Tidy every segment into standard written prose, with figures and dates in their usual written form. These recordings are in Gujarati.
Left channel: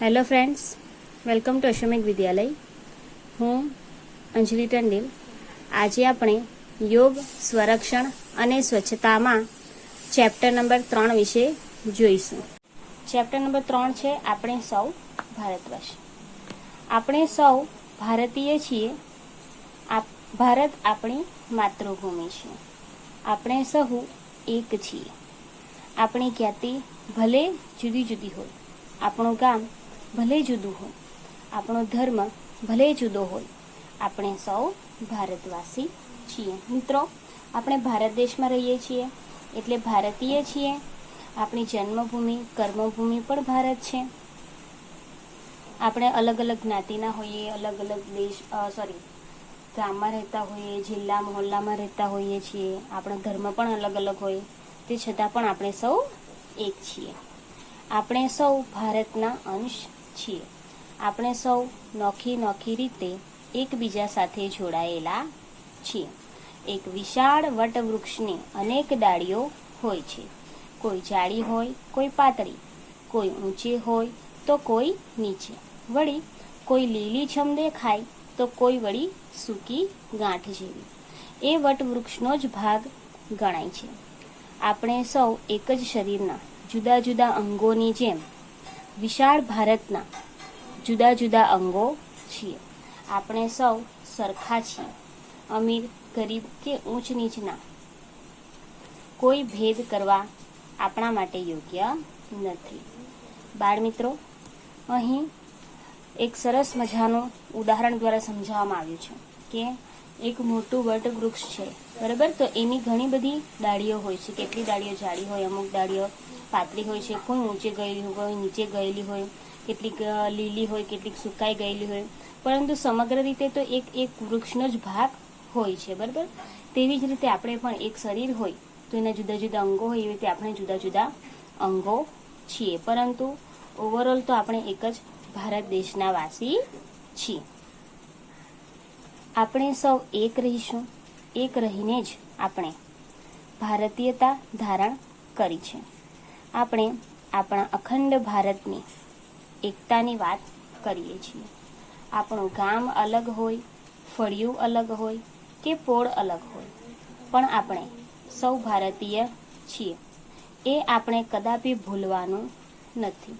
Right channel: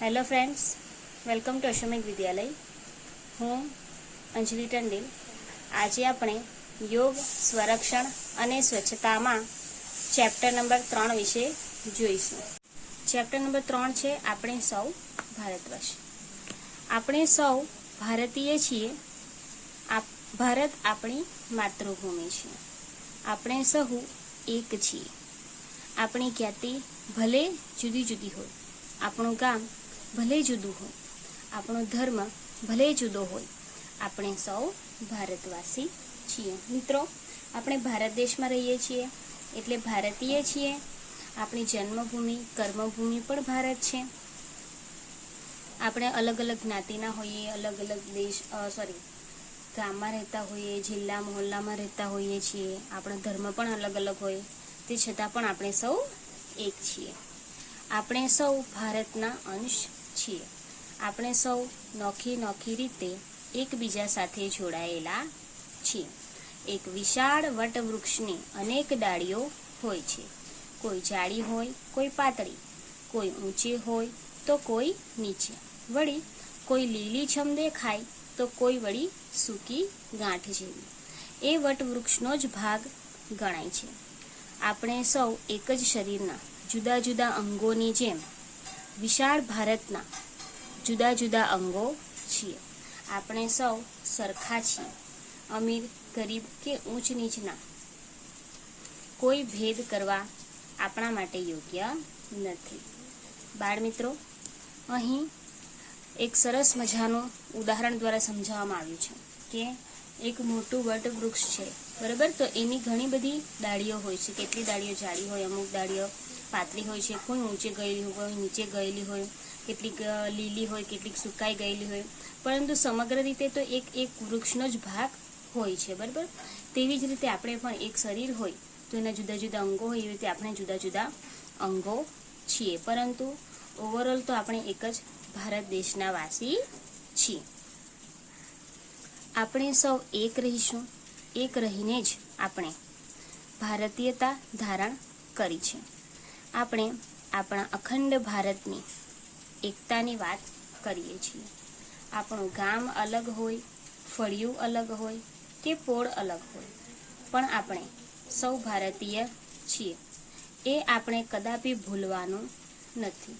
હેલો ફ્રેન્ડ્સ, વેલકમ ટુ અશ્વમેઘ વિદ્યાલય. હું અંજલિ ટંડેલ. આજે આપણે યોગ, સ્વરક્ષણ અને સ્વચ્છતામાં ચેપ્ટર નંબર 3 વિશે જોઈશું. ચેપ્ટર નંબર 3 છે આપણે સૌ ભારતવાસી. આપણે સૌ ભારતીય છીએ. ભારત આપણી માતૃભૂમિ છે. આપણે સહુ એક છીએ. આપણી જ્ઞાતિ ભલે જુદી જુદી હોય, આપણું ગામ ભલે જુદું હોય, આપણો ધર્મ ભલે જુદો હોય, આપણે સૌ ભારતવાસી છીએ. મિત્રો, આપણે ભારત દેશમાં રહીએ છીએ એટલે ભારતીય છીએ. આપણી જન્મભૂમિ, કર્મભૂમિ પણ ભારત છે. આપણે અલગ અલગ જ્ઞાતિના હોઈએ, અલગ અલગ ગામમાં રહેતા હોઈએ, જિલ્લા મહોલ્લામાં રહેતા હોઈએ છીએ. આપણો ધર્મ પણ અલગ અલગ હોય, તે છતાં પણ આપણે સૌ એક છીએ. આપણે સૌ ભારતના અંશ છીએ. આપણે સૌ નોખી રીતે એકબીજા સાથે જોડાયેલા છીએ. એક વિશાળ વટવૃક્ષની અનેક ડાળીઓ હોય છે. કોઈ જાડી હોય, કોઈ પાતળી, કોઈ ઊંચી હોય તો કોઈ નીચે, વળી કોઈ લીલીછમ દેખાય તો કોઈ વળી સૂકી ગાંઠ જેવી. એ વટવૃક્ષનો જ ભાગ ગણાય છે. આપણે સૌ એક જ શરીરના જુદા જુદા અંગોની જેમ વિશાળ ભારતના જુદા જુદા અંગો છીએ. આપણે સૌ સરખા છીએ. અમીર, ગરીબ કે ઊંચ નીચના કોઈ ભેદ કરવા આપણા માટે યોગ્ય નથી. બાળ મિત્રો, અહીં એક સરસ મજાનું ઉદાહરણ દ્વારા સમજાવવામાં આવ્યું છે કે એક મોટું વટવૃક્ષ છે, બરાબર? તો એની ઘણી બધી ડાળીઓ હોય છે. કેટલી ડાળીઓ જાડી હોય, અમુક ડાળીઓ પાતળી હોય છે, કોઈ ઊંચે ગયેલી હોય, કોઈ નીચે ગયેલી હોય, કેટલીક લીલી હોય, કેટલીક સુકાઈ ગયેલી હોય, પરંતુ સમગ્ર રીતે તો એક વૃક્ષનો જ ભાગ હોય છે, બરાબર? તેવી જ રીતે આપણે પણ એક શરીર હોય તો એના જુદા જુદા અંગો હોય, એવી રીતે આપણે જુદા જુદા અંગો છીએ, પરંતુ ઓવરઓલ તો આપણે એક જ ભારત દેશના વાસી છીએ. આપણે સૌ એક રહીશું. એક રહીને જ આપણે ભારતીયતા ધારણ કરી છે. આપણે આપણા અખંડ ભારતની એકતાની વાત કરીએ છીએ. આપણું ગામ અલગ હોય, ફળિયું અલગ હોય કે પોળ અલગ હોય, પણ આપણે સૌ ભારતીય છીએ. એ આપણે કદાપી ભૂલવાનું નથી.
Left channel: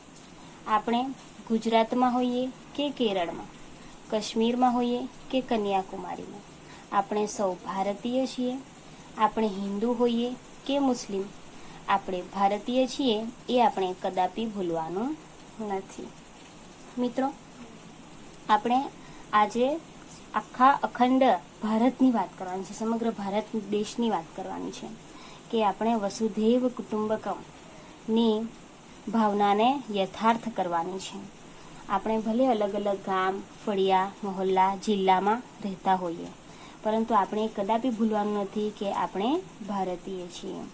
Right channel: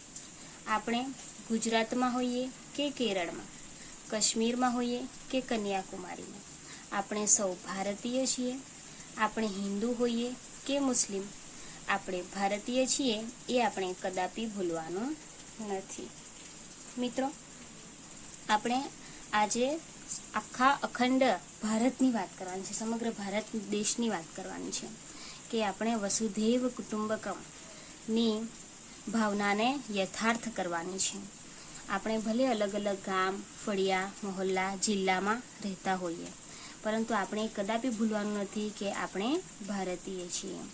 આપણે ગુજરાતમાં હોઈએ કે કેરળમાં, કાશ્મીરમાં હોઈએ કે કન્યાકુમારીમાં, આપણે સૌ ભારતીય છીએ. આપણે હિન્દુ હોઈએ કે મુસ્લિમ, આપણે ભારતીય છીએ એ આપણે કદાપી ભૂલવાનું નથી. મિત્રો, આપણે આજે આખા અખંડ ભારતની વાત કરવાની છે, સમગ્ર ભારત દેશની વાત કરવાની છે કે આપણે વસુધૈવ કુટુંબકમની ભાવનાને યથાર્થ કરવાની છે. આપણે ભલે અલગ અલગ ગામ, ફળિયા, મહોલ્લા, જિલ્લામાં રહેતા હોઈએ, પરંતુ આપણે કદાપી ભૂલવાનું નથી કે આપણે ભારતીય છીએ.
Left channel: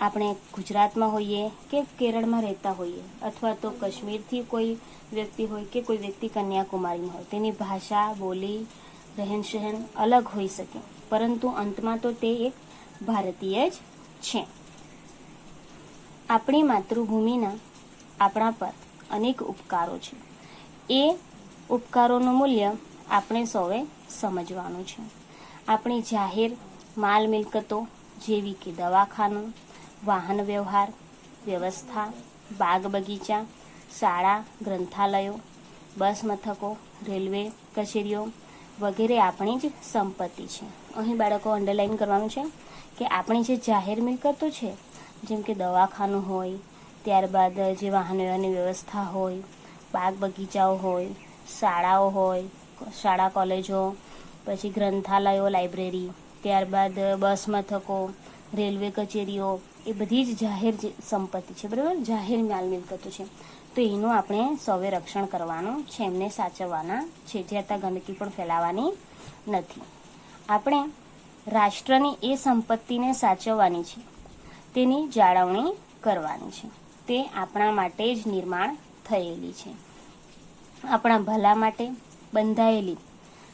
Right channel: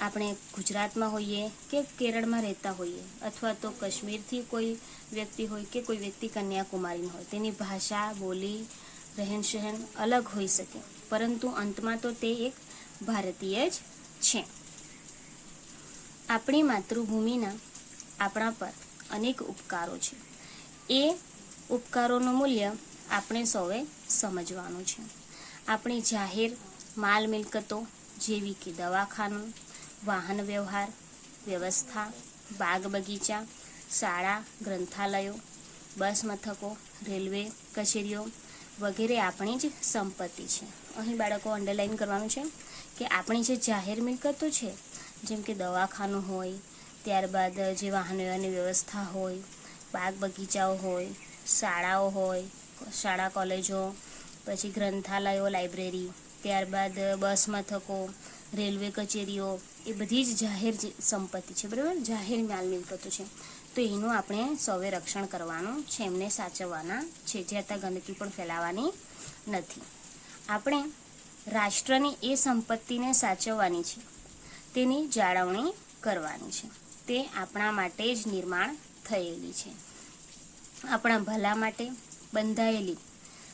આપણે ગુજરાતમાં હોઈએ કે કેરળમાં રહેતા હોઈએ, અથવા તો કાશ્મીરથી કોઈ વ્યક્તિ હોય કે કોઈ વ્યક્તિ કન્યાકુમારીમાં હોય, તેની ભાષા, બોલી, રહેન સહેન અલગ હોઈ શકે, પરંતુ અંતમાં તો તે એક ભારતીય જ છે. આપણી માતૃભૂમિના આપણા પર અનેક ઉપકારો છે. એ ઉપકારોનું મૂલ્ય આપણે સૌએ સમજવાનું છે. આપણી જાહેર માલ મિલકતો જેવી કે દવાખાનું, વાહન વ્યવહાર વ્યવસ્થા, બાગ બગીચા, શાળા, ગ્રંથાલયો, બસ મથકો, રેલવે કચેરીઓ વગેરે આપણી જ સંપત્તિ છે. અહીં બાળકો અંડરલાઈન કરવાનું છે કે આપણી જે જાહેર મિલકતો છે, જેમ કે દવાખાનું હોય, ત્યારબાદ જે વાહન વ્યવહારની વ્યવસ્થા હોય, બાગ બગીચાઓ હોય, શાળાઓ હોય, શાળા કોલેજો, પછી ગ્રંથાલયો, લાઇબ્રેરી, ત્યારબાદ બસ મથકો, રેલવે કચેરીઓ, એ બધી જ જાહેર સંપત્તિ છે, બરાબર? જાહેર માલ મિલકતો છે. તો એનું આપણે સૌએ રક્ષણ કરવાનું છે, એમને સાચવવાના છે, જે ત્યાં ગમે તે પણ ફેલાવાની નથી. આપણે રાષ્ટ્રની એ સંપત્તિને સાચવવાની છે, તેની જાળવણી કરવાની છે. તે આપણા માટે જ નિર્માણ થયેલી છે. આપણા ભલા માટે બંધાયેલી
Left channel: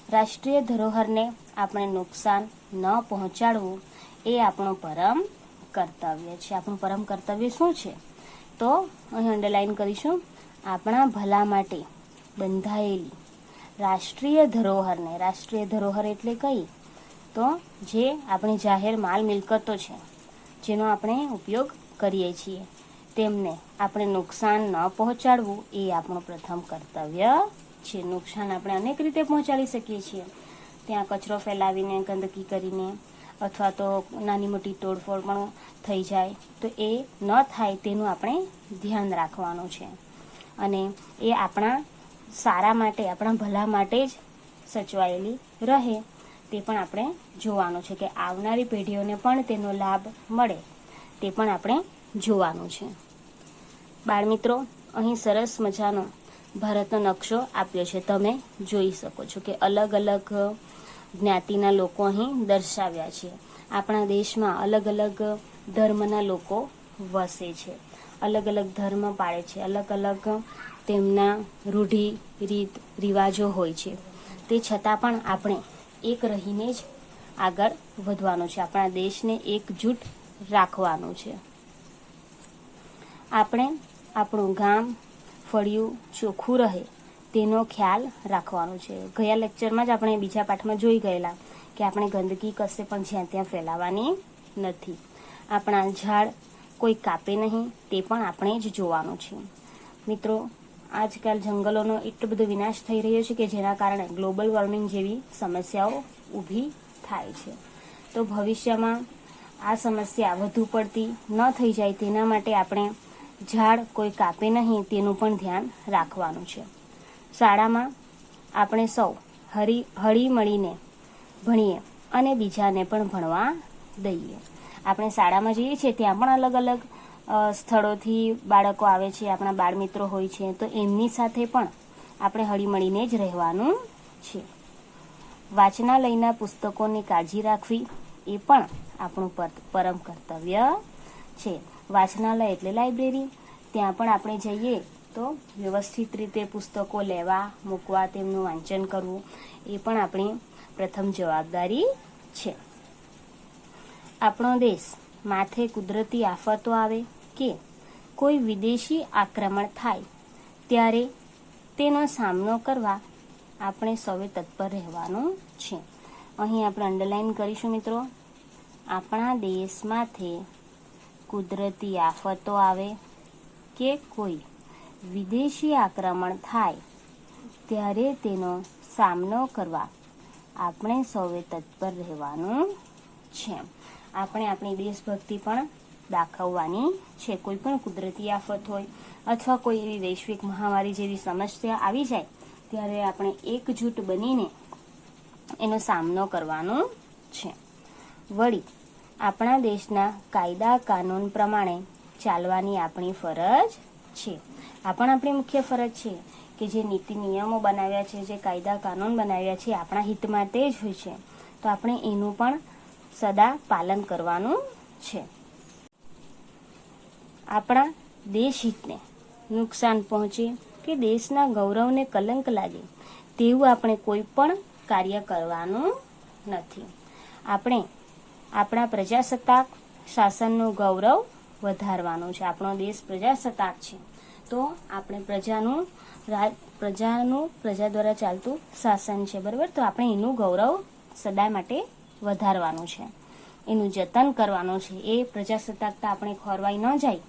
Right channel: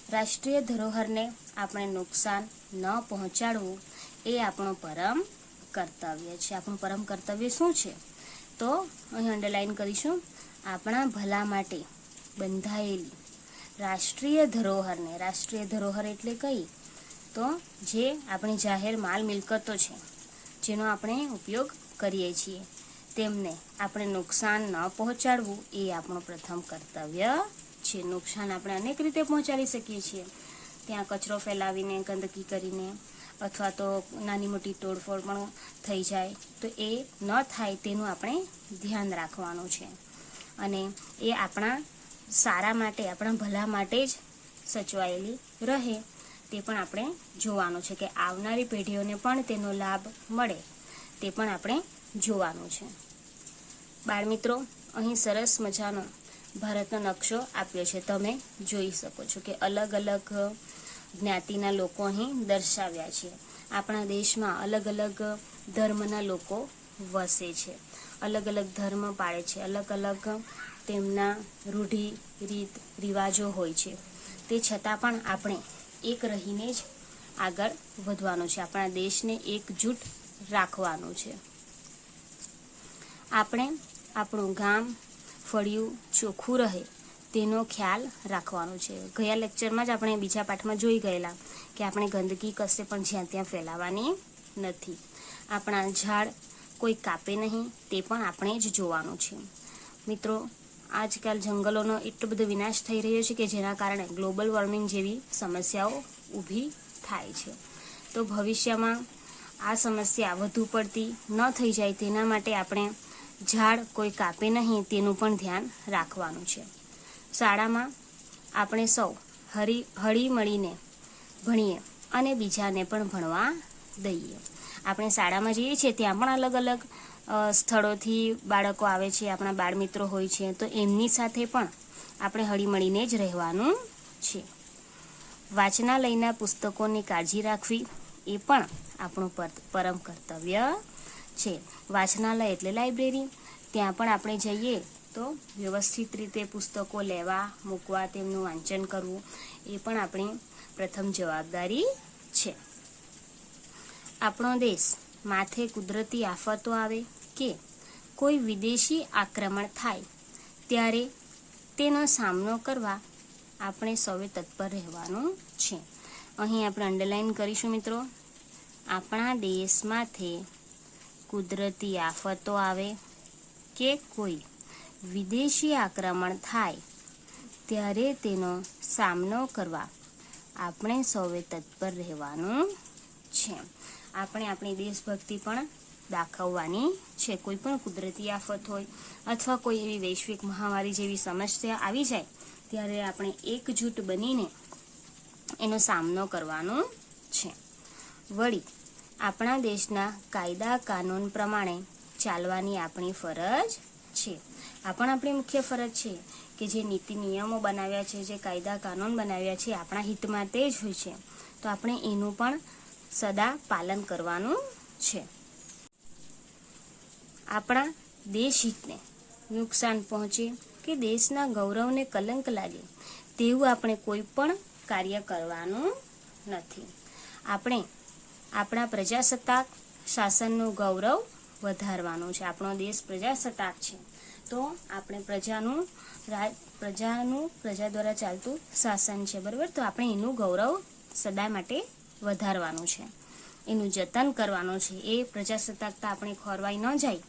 રાષ્ટ્રીય ધરોહરને આપણે નુકસાન ન પહોંચાડવું એ આપણું પરમ કર્તવ્ય છે. આપણું પરમ કર્તવ્ય શું છે? તો અહીં અંડરલાઈન કરીશું આપણા ભલા માટે બંધાયેલી રાષ્ટ્રીય ધરોહરને, રાષ્ટ્રીય ધરોહર એટલે કઈ? તો જે આપણી જાહેર માલ મિલકતો છે, જેનો આપણે ઉપયોગ કરીએ છીએ, તેમને આપણે નુકસાન ન પહોંચાડવું એ આપણું પ્રથમ કર્તવ્ય છે. નુકસાન આપણે અનેક રીતે પહોંચાડી શકીએ છીએ, ત્યાં કચરો ફેલાવીને, ગંદકી કરીને, અથવા તો નાની મોટી તોડફોડ પણ થઈ જાય, તો એ ન થાય તેનું આપણે ધ્યાન રાખવાનું છે. અને એ આપણા સારા માટે, આપણા ભલા માટે જ સચવાયેલી રહે તે પણ આપણે જોવાનું છે, કે આવનારી પેઢીઓને પણ તેનો લાભ મળે તે પણ આપણે જોવાનું છે. બાળમિત્રો, અહીં સરસ મજાનો ભારતનો નકશો આપ્યો છે. તમે જોઈ શકો છો કે અલગ અલગ જ્ઞાતિના લોકો અહીં દર્શાવ્યા છે. આપણા દેશમાં અલગ અલગ ધર્મના લોકો વસે છે, અલગ અલગ ધર્મ પાળે છે, અલગ અલગ તેમના રૂઢિ રીત રિવાજો હોય છે. તે છતાં પણ આપણે એક રહીને જ આગળ વધવાનું છે. આપણા દેશને એકજૂટ રાખવાનું છે. આપણે આપણું ગામ ફળિયું ચોખ્ખું રહે તેનો ખ્યાલ રાખવાનો છે. ગયા લેક્ચરમાં જ આપણે બીજા પાઠમાં જોઈ ગયેલા કે આપણે ગંદકી કશે પણ જ્યાં ત્યાં ફેલાવાની નથી. આપણા ઝાડ કોઈ કાપે નહીં તે પણ આપણે જ જોવાનું છે. મિત્રો, આજકાલ જંગલોનો એટલો બધો વિનાશ થઈ રહ્યો છે કે જેના કારણે ગ્લોબલ વોર્મિંગ જેવી સમસ્યાઓ ઊભી થાય છે. તો ભવિષ્યમાં આ સમસ્યા વધુ પડતી ન થઈ જાય તેના માટે આપણે ઝાડ કોઈ કાપે નહીં તેનું પણ ધ્યાન રાખવાનું છે. શાળામાં આપણે સૌ હળી મળીને ભણીએ અને બીજાને પણ ભણવા દઈએ. આપણે શાળામાં જઈએ છીએ ત્યાં પણ અલગ અલગ સ્થળોથી બાળકો આવે છે, આપણા બાળ મિત્રો હોય છે, તો એમની સાથે પણ આપણે હળી મળીને જ રહેવાનું છે. વાંચનાલયના પુસ્તકોની કાળજી રાખવી એ પણ આપણું પરમ કર્તવ્ય છે. વાંચનાલય એટલે લાઇબ્રેરી, ત્યાં પણ આપણે જઈએ તો વ્યવસ્થિત રીતે પુસ્તકો લેવા મૂકવા, તેમનું વાંચન કરવું એ પણ આપણી પ્રથમ જવાબદારી છે. આપણો દેશ માથે કુદરતી આફતો આવે કે કોઈ વિદેશી આક્રમણ થાય ત્યારે તેનો સામનો કરવા આપણે સૌએ તત્પર રહેવાનું છે. અહીં આપણે અંડરલાઈન કરીશું મિત્રો. આપણા દેશમાંથી કુદરતી આફતો આવે કે કોઈ વિદેશી આક્રમણ થાય ત્યારે તેનો સામનો કરવા આપણે સૌએ તત્પર રહેવાનું છે. આપણે આપણી દેશભક્તિ પણ દાખવવાની છે. કોઈ પણ કુદરતી આફત હોય અથવા કોઈ એવી વૈશ્વિક મહામારી જેવી સમસ્યા આવી જાય ત્યારે આપણે એકજૂટ બનીને એનો સામનો કરવાનો છે. વળી આપણા દેશના કાયદા કાનૂન પ્રમાણે ચાલવાની આપણી ફરજ છે. આ પણ આપણી મુખ્ય ફરજ છે કે જે નીતિ નિયમો બનાવ્યા છે, જે કાયદા કાનૂન બનાવ્યા છે, આપણા હિત માટે જ હોય છે, તો આપણે એનું પણ સદા પાલન કરવાનું છે. આપણા દેશ હિતને નુકસાન પહોંચે કે દેશના ગૌરવને કલંક લાગે તેવું આપણે કોઈ પણ કાર્ય કરવાનું નથી. આપણે આપણા પ્રજાસત્તાક શાસનનું ગૌરવ વધારવાનું છે. આપણો દેશ પ્રજાસત્તાક છે, તો આપણે પ્રજા દ્વારા ચાલતું શાસન છે, બરાબર? તો આપણે એનું ગૌરવ સદા માટે વધારવાનું છે, એનું જતન કરવાનું છે. એ પ્રજાસત્તાકતા આપણે ખોરવાઈ ન જાય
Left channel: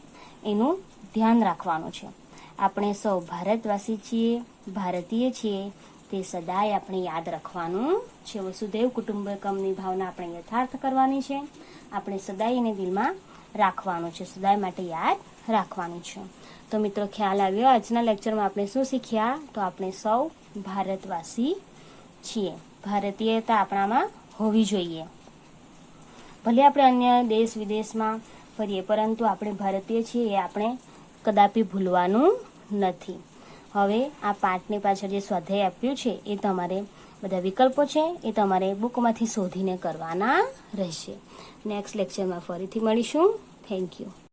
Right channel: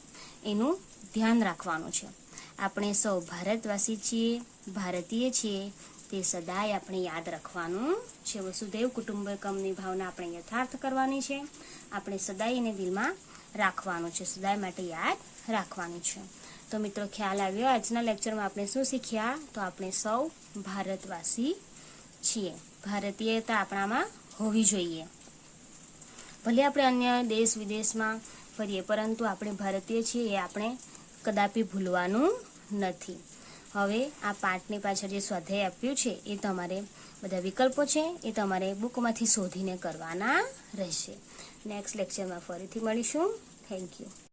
એનું ધ્યાન રાખવાનું છે. આપણે સૌ ભારતવાસી છીએ, ભારતીય છીએ, તે સદાય આપણે યાદ રાખવાનું છે. વસુધૈવ કુટુંબકમની ભાવના આપણે યથાર્થ કરવાની છે. આપણે સદાય એને દિલમાં રાખવાનું છે, સદાય માટે યાદ રાખવાનું છે. તો મિત્રો, ખ્યાલ આવ્યો? આજના લેક્ચરમાં આપણે શું શીખ્યા? તો આપણે સૌ ભારતવાસી છીએ, ભારતીયતા આપણામાં હોવી જોઈએ. ભલે આપણે અન્ય દેશ વિદેશમાં ફરીએ, પરંતુ આપણે ભારતીય છીએ એ આપણે કદાપી ભૂલવાનું નથી. હવે આ પાઠની પાછળ જે સ્વાધ્યાય આપ્યું છે એ તમારે બધા વિકલ્પો છે એ તમારે બુકમાંથી શોધીને કરવાના રહેશે. નેક્સ્ટ લેક્ચરમાં ફરીથી મળીશું. Thank you.